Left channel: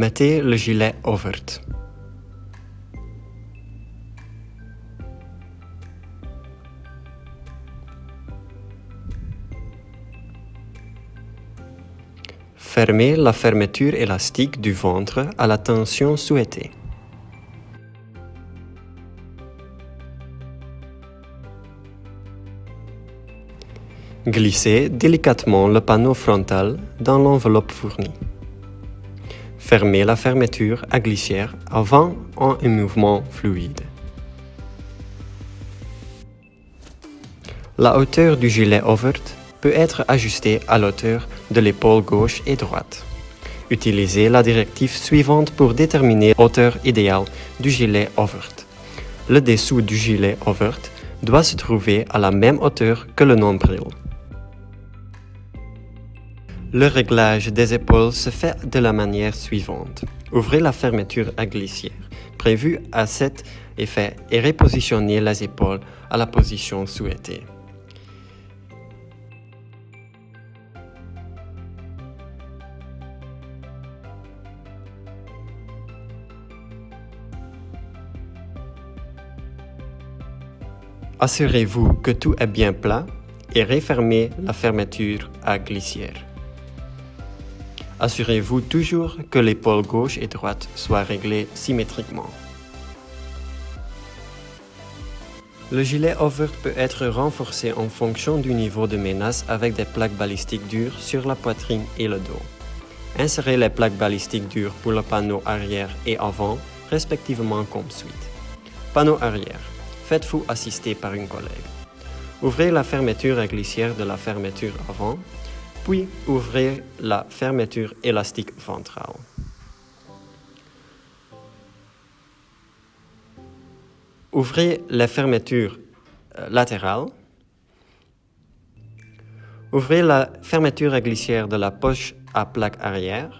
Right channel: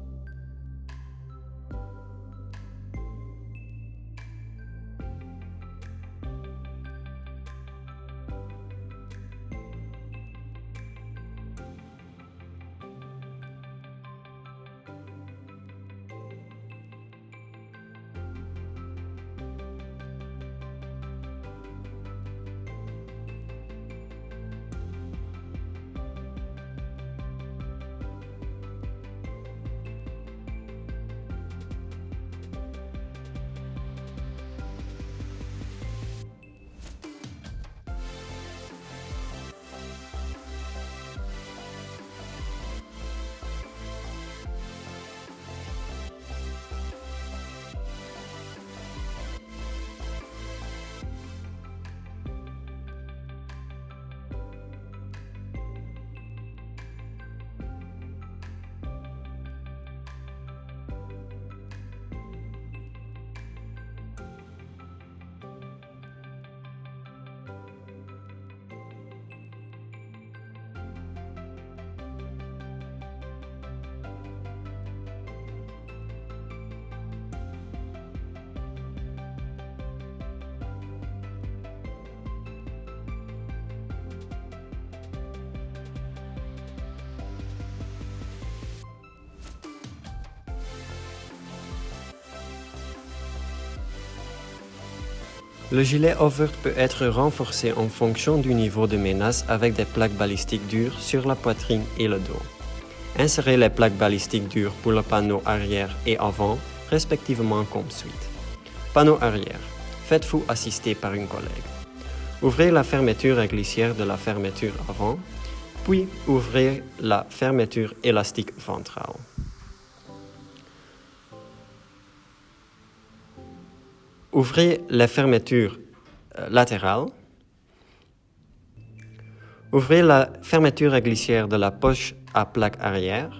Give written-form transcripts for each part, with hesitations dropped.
mettez le gilet ouvert. Fermez la fermeture élastique du ventre à la tension souhaitée. Glissez délicatement le panneau frontal dans l'enveloppe fournie. Fermez la fermeture à glissière avant un mouvement fluide. La hauteur du gilet ouvert peut être ajustée à l'auteur de l'épaule gauche et droite. Utilisez la directive suivante pour déterminer la hauteur idéale du gilet ouvert. Le dessous du gilet ouvert doit se trouver à la même hauteur que le nombril. Le réglage des épaules se fait de la manière suivante. Ouvrez la fermeture à glissière, prévue à cet effet, et repositionnez les épaules à la position souhaitée. Assurez-vous que tout est bien plat et refermez la fermeture à glissière. Assurez-vous toujours que l'épaule gauche et droite soient réglées symétriquement. Le gilet ouvert peut être renforcé en fonction du niveau de menace avec des plaques balistiques dures sur la poitrine et le dos. Insérez les plaques balistiques dures pour le panneau arrière et avant, respectivement comme suite. Panneau arrière. Faites-vous assister par une collègue. Ouvrez la fermeture à glissière de la fermeture avant, puis ouvrez la fermeture élastique ventrale. Ouvrez la fermeture latérale. Ouvrez la fermeture à glissière de la poche à plaque arrière.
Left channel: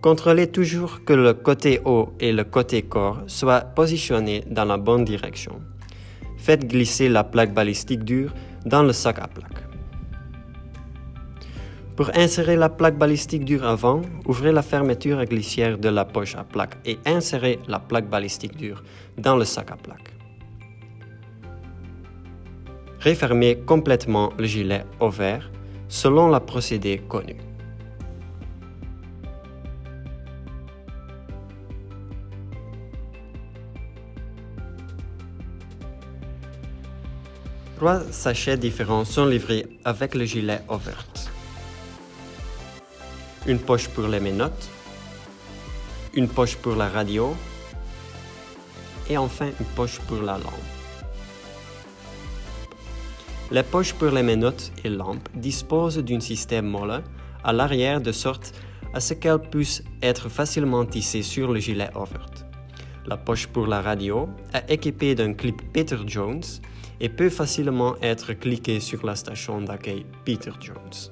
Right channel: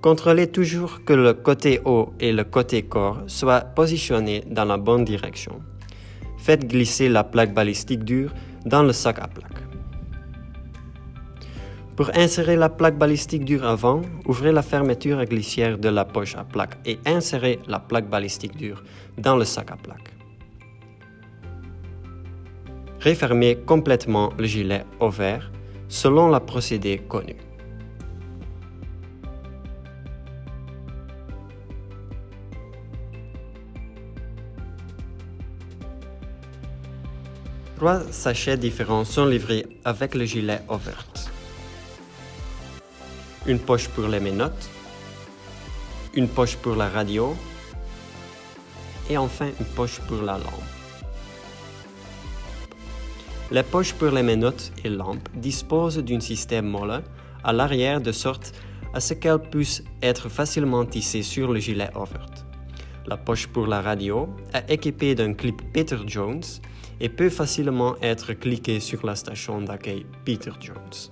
Contrôlez toujours que le côté haut et le côté corps soient positionnés dans la bonne direction. Faites glisser la plaque balistique dure dans le sac à plaque. Pour insérer la plaque balistique dure avant, ouvrez la fermeture à glissière de la poche à plaque et insérez la plaque balistique dure dans le sac à plaque. Refermez complètement le gilet ouvert selon le procédé connu. Trois sachets différents sont livrés avec le gilet ouvert. Une poche pour les menottes, une poche pour la radio et enfin une poche pour la lampe. Les poches pour les menottes et lampes disposent d'un système molle à l'arrière de sorte à ce qu'elles puissent être facilement tissées sur le gilet ouvert. La poche pour la radio est équipée d'un clip Peter Jones et peut facilement être cliquée sur la station d'accueil Peter Jones.